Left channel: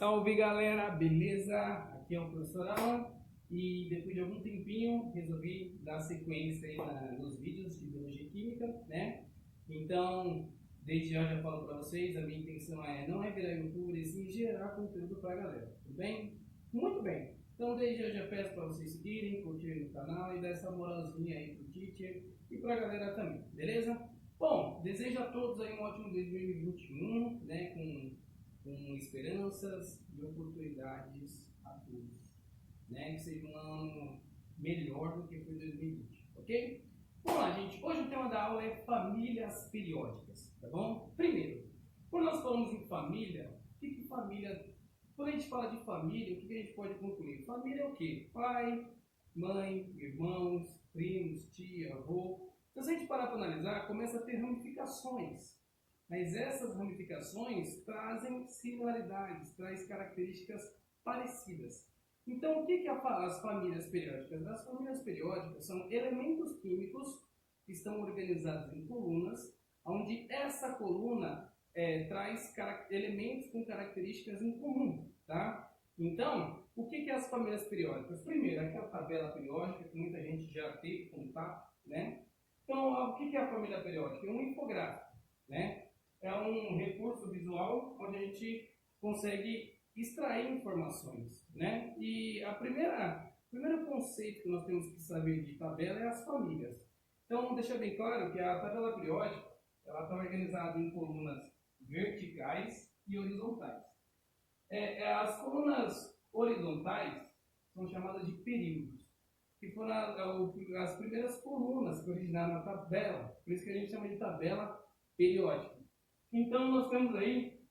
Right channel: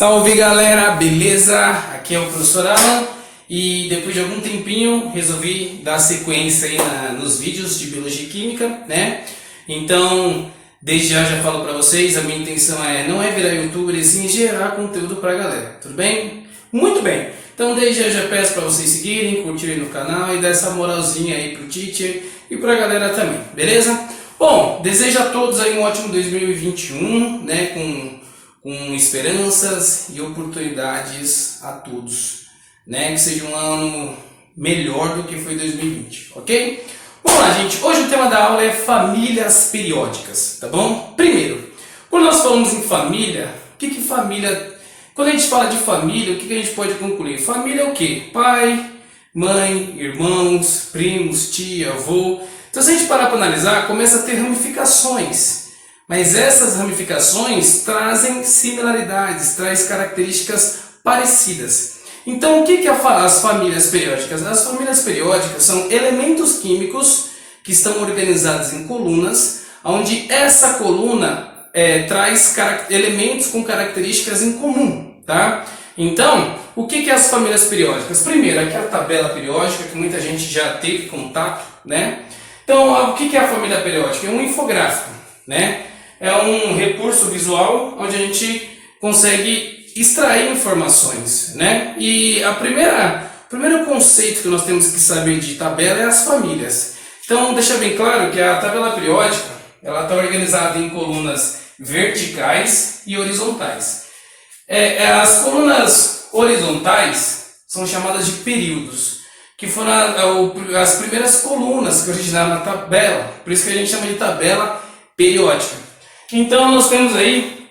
Salve galera, beleza? Aqui é o professor Alan e depois de algum tempinho resolvi dar sequência aí nos vídeos de Biologia e Química, né? Então, desde já falo para vocês, a minha intenção não é virar youtuber e sim gerar conteúdo pra galera, tudo bem? Muito bem! Então desde já peço para vocês seguirem, curtirem no canal e dar essa moralzinha aí pro teacher e pra galera também, beleza? Bom, desejo a todos aí um ótimo 2021, né? Com esperanças e oportunidades a todos, né? Que seja um ano melhor do que foi 2020, ok? Vamos lá, gente. Hoje o tema da aula é famílias periódicas, tá bom? Primeiro, quando nós falamos em família, o que família... Quando a gente fala de família, o que a gente pode concluir? Família é o quê? Pai, mãe, irmãos, primos, tia, avô. Então se a gente parar para analisar, começa a ter ramificações. Mas essas ramificações trazem similaridades, trazem características parecidas. Então, o que as famílias periódicas? As famílias periódicas são elementos químicos que estão organizados em colunas, onde essa coluna traz elementos com características em comum, tá? Então, o que as famílias periódicas? Primeiro, aqui é a tabela periódica, que muita gente já teve contato, né? Então, o que é a família periódica? É um infográfico, né? É um recurso visual onde a gente consegue extrair informações, né? E o primeiro conceito que nós temos que saber de tabela é as famílias. Então, deixa bem claro que a tabela periódica ela está organizada em colunas verticais e horizontais. As colunas horizontais são chamadas de períodos, que foram as primeiras colunas que originaram na tabela, por isso que a gente chama de tabela periódica. Então nós temos aí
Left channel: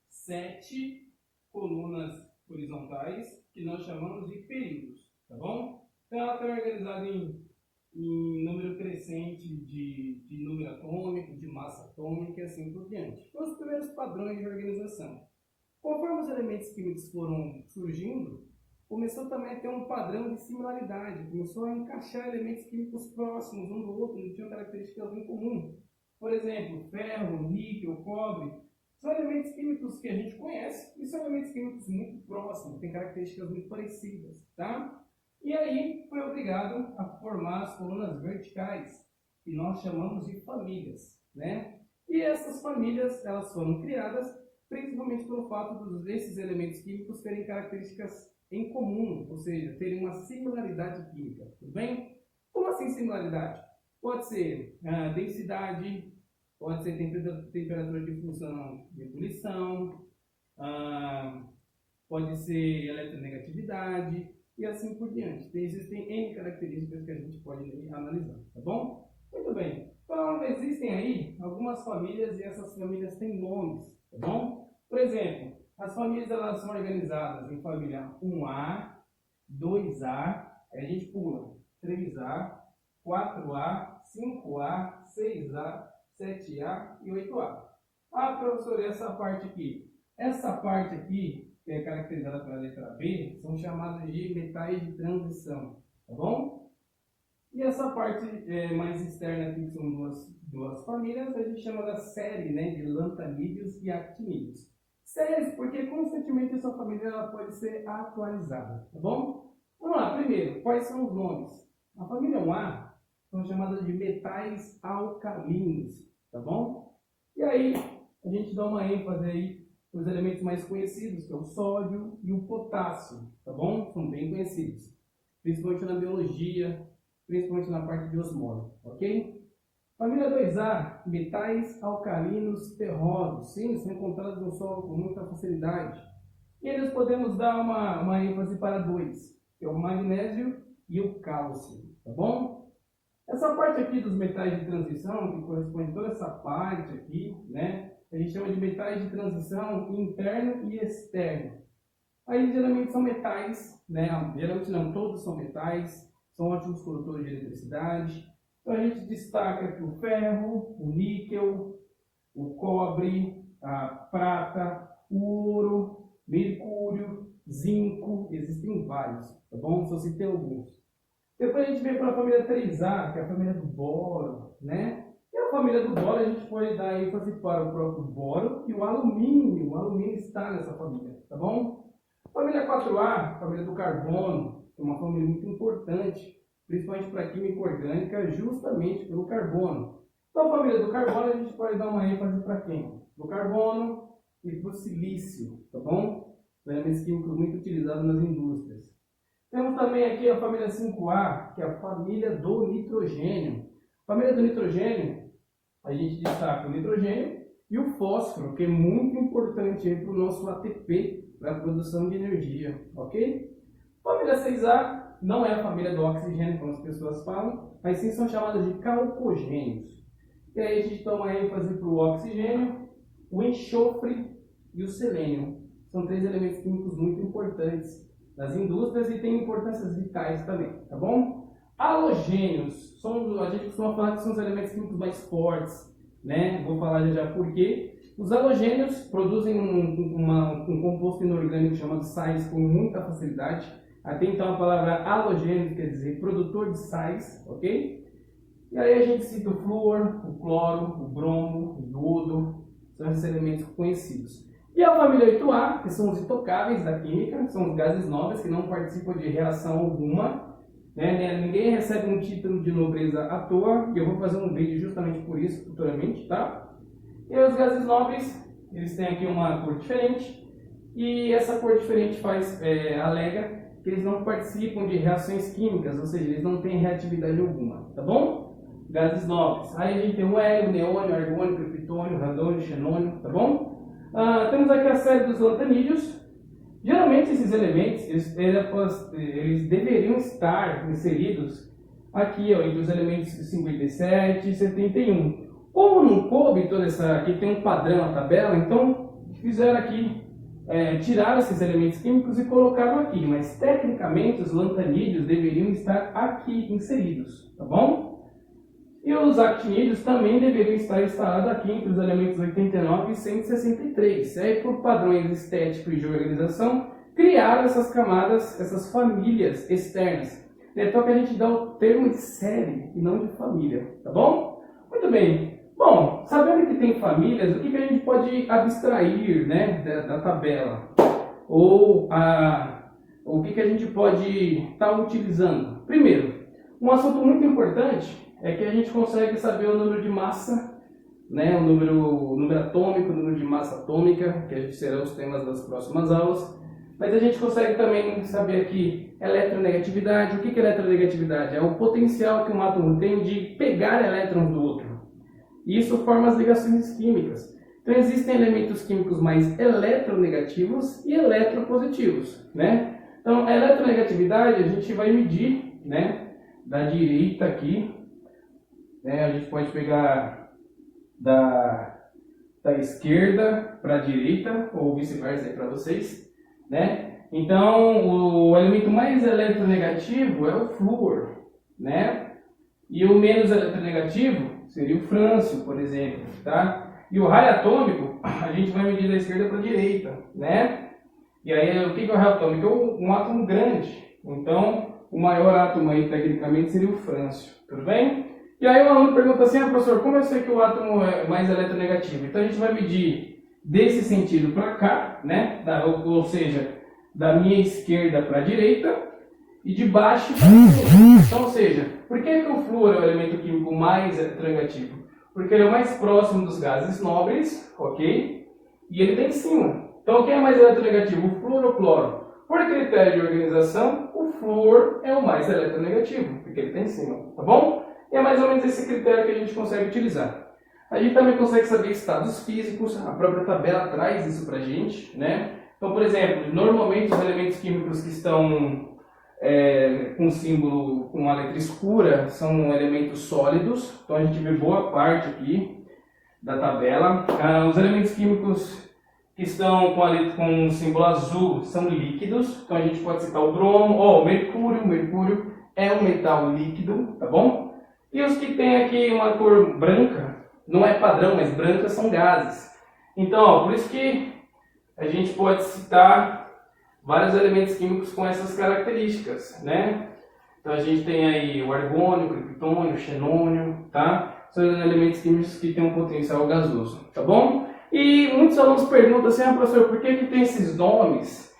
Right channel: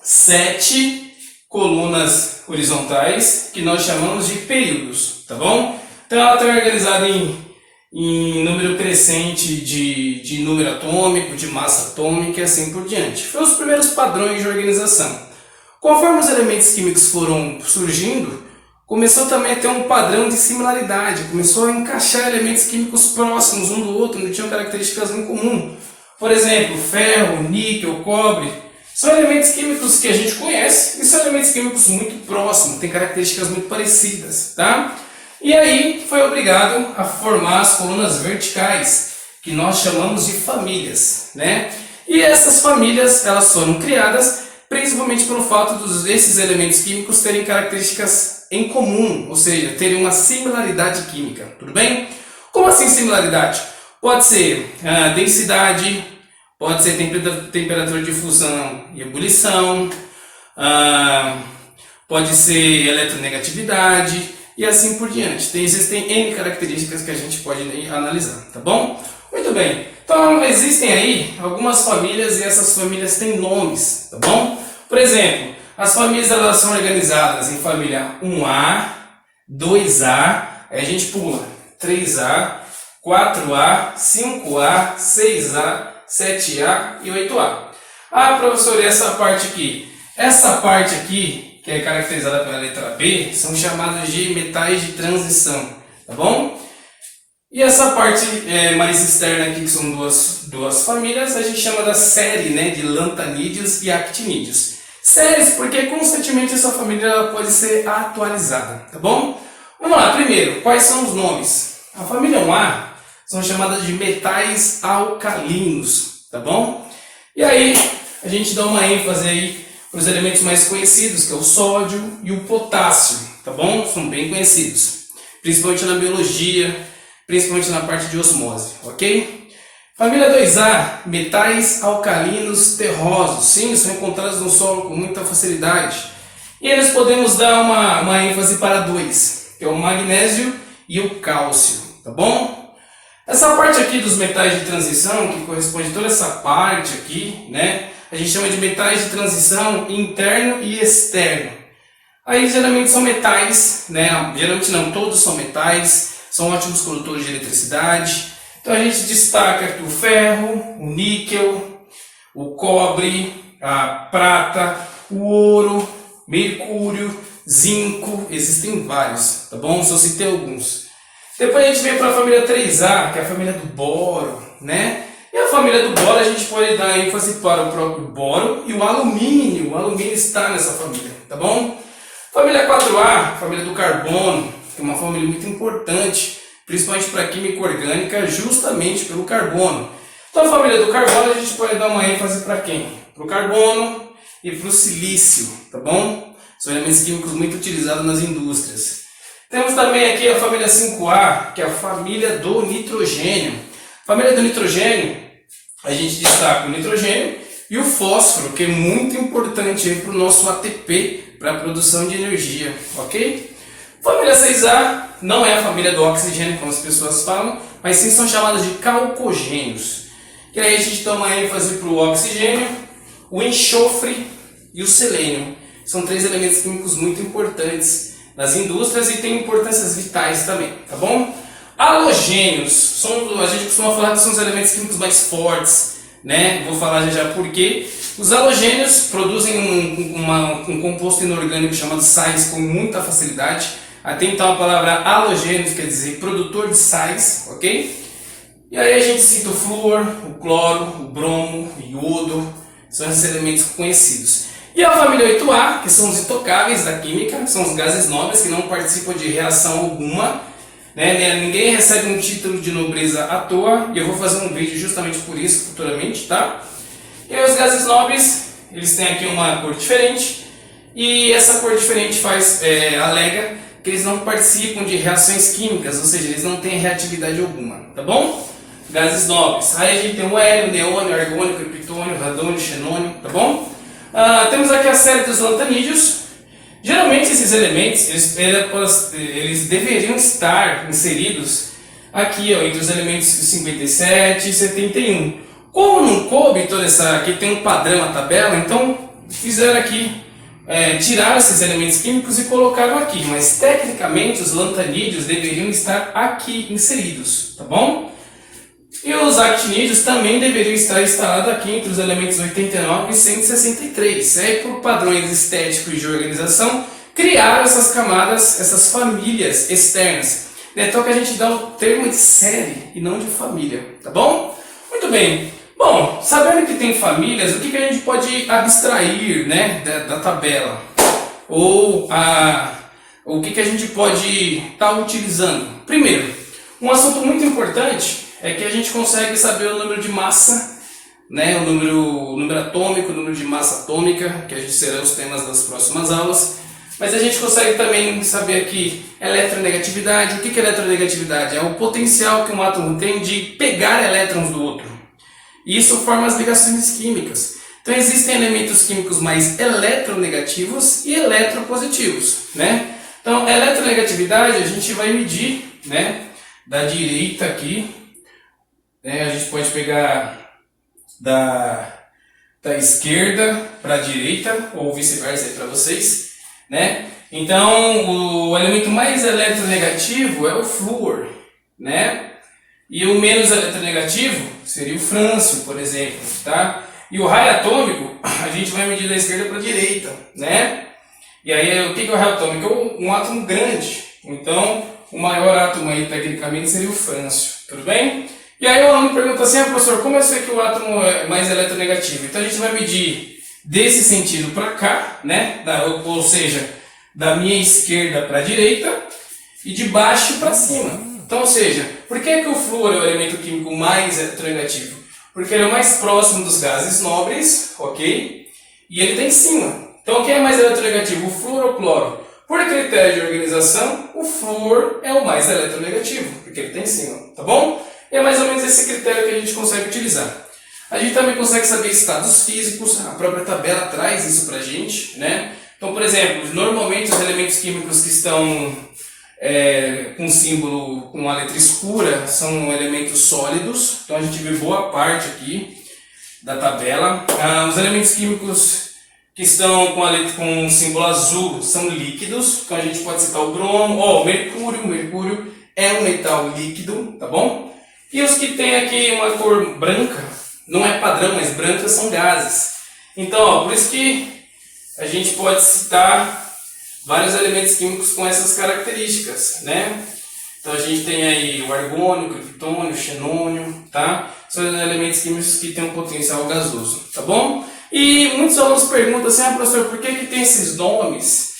7 colunas horizontais que nós chamamos de períodos, tá bom? Então ela está organizada em número crescente de número atômico, de massa atômica e assim por diante. Foram os primeiros padrões de organização. Conforme os elementos químicos foram surgindo, começou também a ter um padrão de similaridade, começou a encaixar elementos químicos próximos um do outro, que tinham características em comum. Por exemplo, ferro, níquel, cobre, são elementos químicos que a gente conhece e são elementos químicos muito próximos, têm características muito parecidas, tá? E aí foi obrigado a formar as colunas verticais, que nós chamamos de famílias, né? E essas famílias, elas foram criadas principalmente pelo fato desses elementos químicos terem características em comum, ou seja, terem uma similaridade química, tudo bem? Como assim similaridade? Pode ser densidade, pode ser temperatura de fusão e ebulição, pode ser eletronegatividade e assim por diante. Existem N características que a gente pode analisar, tá bom? Muito bem, então existem aí algumas famílias e essas famílias têm nomes, tá bom? Por exemplo, as famílias elas são organizadas em família 1A, 2A, aí a gente pula 3A, 4A, 5A, 6A, 7A e 8A. Ah, professor, e essa parte aqui? Essa parte aqui, que é caracterizada pela letra B, são chamadas de metais de transição, tá bom? E essa parte mais externa aqui, que são duas famílias, a gente chama da série, né, de lantanídeos e actinídeos. Séries porque constantemente essa família ela pode ser atualizada, tá bom? Vamos lá, primeiro, quais são os nomes? A família 1A são chamadas de metais alcalinos, tá bom? E aí a gente dá uma ênfase aí para os elementos mais conhecidos, que é o sódio e o potássio, tá bom? São bem conhecidos, principalmente na biologia, principalmente na parte de osmose, ok? Família 2A, metais alcalinos terrosos, sim, são encontrados no solo com muita facilidade. E eles podemos dar uma ênfase para 2, que é o magnésio e o cálcio, tá bom? Essa parte aqui dos metais de transição, que corresponde a toda essa parte aqui, né? A gente chama de metais de transição interno e externo. Aí geralmente são metais, né? Geralmente não, todos são metais, são ótimos condutores de eletricidade. Então a gente destaca aqui o ferro, o níquel, o cobre, a prata, o ouro, mercúrio, zinco, existem vários, tá bom? Só citei alguns. Depois a gente vem para a família 3A, que é a família do boro, né? E a família do boro, a gente pode dar ênfase para o próprio boro e o alumínio. O alumínio está nessa família, tá bom? Família 4A, família do carbono, que é uma família muito importante, principalmente para a química orgânica, justamente pelo carbono. Então, a família do carbono, a gente pode dar uma ênfase para quem? Para o carbono e para o silício, tá bom? São elementos químicos muito utilizados nas indústrias. Temos também aqui a família 5A, que é a família do nitrogênio. Família do nitrogênio, a gente destaca o nitrogênio e o fósforo, que é muito importante para o nosso ATP, para a produção de energia, ok? Família 6A não é a família do oxigênio, como as pessoas falam, mas sim são chamadas de calcogênios. E aí a gente toma ênfase para o oxigênio, o enxofre e o selênio. São 3 elementos químicos muito importantes nas indústrias e têm importâncias vitais também, tá bom? Halogênios, a gente costuma falar que são os elementos químicos mais fortes, né? Vou falar já por quê. Os halogênios produzem um composto inorgânico chamado sais com muita facilidade. Até então a palavra halogênios quer dizer produtor de sais, ok? E aí a gente cita o flúor, o cloro, o bromo, o iodo, são esses elementos conhecidos. E a família 8A, que são os intocáveis da química, que são os gases nobres que não participam de reação alguma, né? Ninguém recebe um título de nobreza à toa, e eu vou fazer um vídeo justamente por isso futuramente, tá? E aí os gases nobres, eles têm aqui uma cor diferente, e essa cor diferente alega que eles não participam de reações químicas, ou seja, eles não têm reatividade alguma, tá bom? Gases nobres. Aí a gente tem o hélio, neônio, argônio, criptônio, radônio, xenônio, tá bom? Temos aqui a série dos lantanídeos. Geralmente esses elementos, eles deveriam estar inseridos aqui, ó, entre os elementos 57 e 71. Como não coube toda essa... Aqui tem um padrão a tabela, então fizeram aqui, tiraram esses elementos químicos e colocaram aqui. Mas tecnicamente os lantanídeos deveriam estar aqui inseridos, tá bom? E os actinídeos também deveriam estar instalados aqui entre os elementos 89 e 163. Aí, por padrões estéticos e de organização, criaram essas camadas, essas famílias externas. Então que a gente dá o termo de série e não de família, tá bom? Muito bem. Bom, sabendo que tem famílias, o que a gente pode abstrair, né, da tabela? Ou o que a gente pode estar utilizando? Primeiro, um assunto muito importante é que a gente consegue saber o número de massa, né, o número atômico, o número de massa atômica, que serão os temas das próximas aulas. Mas a gente consegue também saber aqui eletronegatividade. O que é eletronegatividade? É o potencial que um átomo tem de pegar elétrons do outro. Isso forma as ligações químicas. Então existem elementos químicos mais eletronegativos e eletropositivos, né? Então, eletronegatividade a gente vai medir, né, da direita aqui, né, a gente pode pegar da esquerda para a direita, ou vice-versa para vocês, né? Então, o elemento mais eletronegativo é o flúor, né? E o menos eletronegativo seria o frâncio, por exemplo, tá? E o raio atômico, a gente vai medir da esquerda para a direita, né? E aí, o que é o raio atômico? É um átomo grande. Então, o maior átomo aí, tecnicamente, seria o frâncio, tudo bem? E aí o aluno pergunta assim, professor, como eu sei que o átomo é mais eletronegativo? Então, a gente vai medir desse sentido para cá, né? Ou seja, da minha esquerda para a direita e de baixo para cima. Então, ou seja, por que o flúor é o elemento químico mais eletronegativo? Porque ele é o mais próximo dos gases nobres, ok? E ele está em cima. Então, quem é mais eletronegativo, o flúor ou o cloro? Por critério de organização, o flúor é o mais eletronegativo, porque ele está em cima, tá bom? E é mais ou menos esse critério que a gente consegue utilizar. A gente também consegue saber estados físicos, a própria tabela traz isso pra gente, né? Então, por exemplo, normalmente os elementos químicos que estão com símbolo com a letra escura são elementos sólidos, então a gente vê boa parte aqui da tabela. Os elementos químicos que estão com um símbolo azul são líquidos, então a gente pode citar o bromo, o mercúrio. O mercúrio é um metal líquido, tá bom? E os que tem aqui uma cor branca, não é padrão, mas brancas são gases. Então, por isso que a gente pode citar vários elementos químicos com essas características, né? Então a gente tem aí o argônio, o criptônio, o xenônio, tá? São elementos químicos que têm um potencial gasoso, tá bom? E muitos alunos perguntam assim, professor, por que tem esses nomes?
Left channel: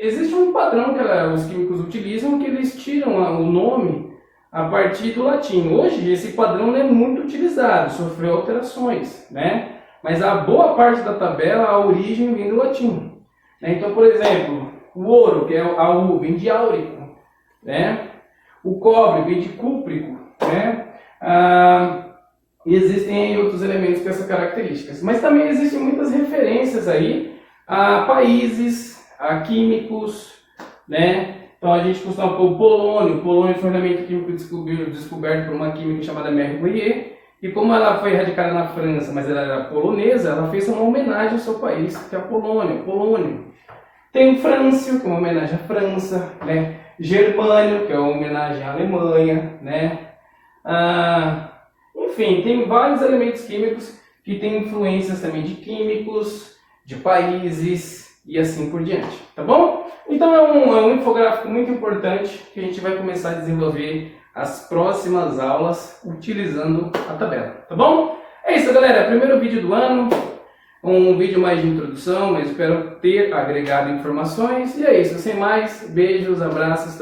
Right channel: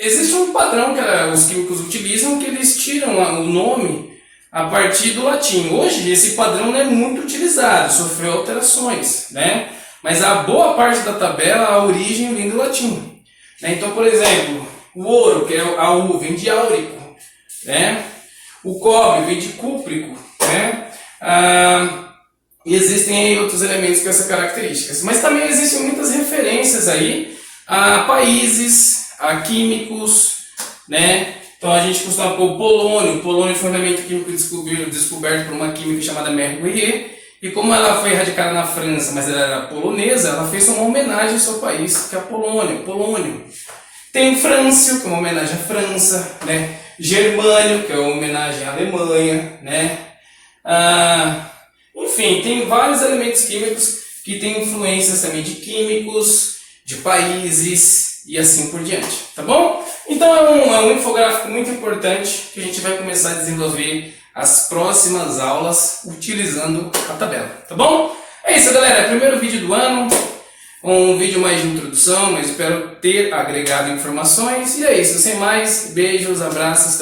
Existe um padrão que os químicos utilizam que eles tiram o nome a partir do latim. Hoje esse padrão não é muito utilizado, sofreu alterações, né? Mas a boa parte da tabela, a origem vem do latim. Né? Então, por exemplo, o ouro, que é a U, vem de áurico, né? O cobre vem de cúprico, né? E existem aí outros elementos com essas características. Mas também existem muitas referências aí a países, a químicos, né? Então a gente costuma pôr o polônio. O polônio foi um elemento químico descoberto por uma química chamada Mère Guerrier. E como ela foi radicada na França, mas ela era polonesa, ela fez uma homenagem ao seu país, que é a Polônia, polônio. Tem frâncio, que é uma homenagem à França, né? Germânio, que é uma homenagem à Alemanha, né? Enfim, tem vários elementos químicos que têm influências também de químicos, de países e assim por diante, tá bom? Então é um infográfico muito importante que a gente vai começar a desenvolver as próximas aulas utilizando a tabela, tá bom? É isso, galera, primeiro vídeo do ano, um vídeo mais de introdução, mas espero ter agregado informações. E é isso, sem mais, beijos, abraços.